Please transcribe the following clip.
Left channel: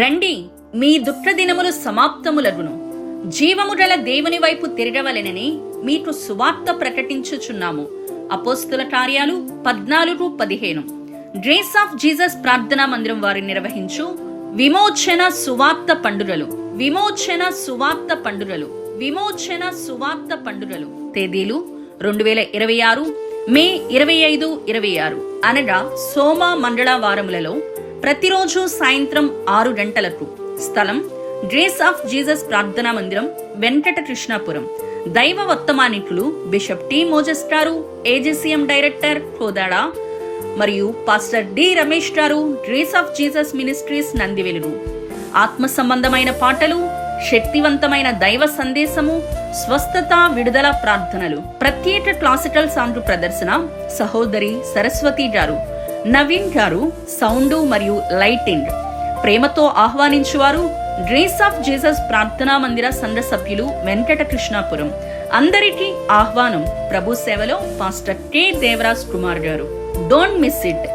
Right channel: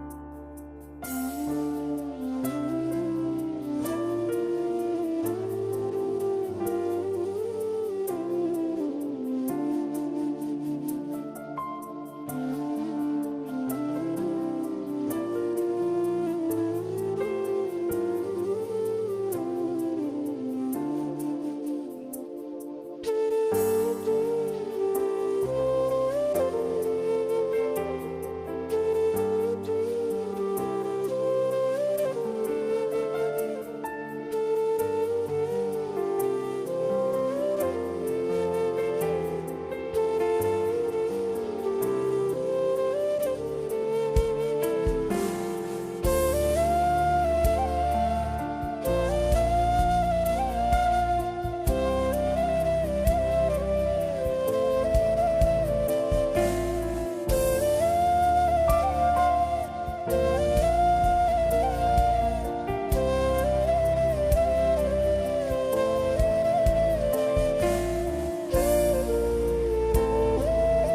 రండి, మీ దుఃఖ దినములు సమాప్తములగును, జీవముగల దేవుని వైపు తిరగవలెనని మీకు సువార్త ప్రకటించుచున్నాము. అపోస్తుల కార్యాలు 14:15. గ్రేస్ ఆఫ్ జీసస్ ప్రార్థనా మందిరం వారు నిర్వహించు విమోచన సువార్త పండుగలు. విమోచన సువార్త పండుగలు. విమోచన సువార్త పండుగలు. తేదీలు 2026 మే 25, 26 అనగా సోమ మంగళవారములలో ప్రతిరోజు సాయంత్రం 6 గంటలకు. స్థలం గ్రేస్ ఆఫ్ జీసస్ ప్రార్థనా మందిరం, వెంకట కృష్ణాపురం. దైవ వర్తమానికులు బిషప్ టి మోజెస్ గారు, ఏజీసీఎం డైరెక్టర్ కోదాడ, మరియు పాస్టర్ డి రమేష్ గారు, grace of Jesus ministries Nandivelugu. ఆత్మ సంబంధమైన పాటలు, శక్తివంతమైన దైవ సందేశము, స్వస్థత, విడుదల ప్రార్థనలు. ప్రత్యేక క్లాసికల్ సాంగ్ ప్రదర్శన సహోదరి సరస్వతి గారు, నవీన్ గారు సౌండ్ మరియు లైటింగ్. ప్రేమతో ఆహ్వానించువారు గ్రేస్ ఆఫ్ జీసస్ ప్రార్థనా మందిర సంఘ సభ్యులు, వెంకట కృష్ణాపురం. అందరికీ ఆహ్వానం. ప్రభు సేవలో పాస్టర్ కె దేవరాజ్ కుమార్ గారు. Don't miss it.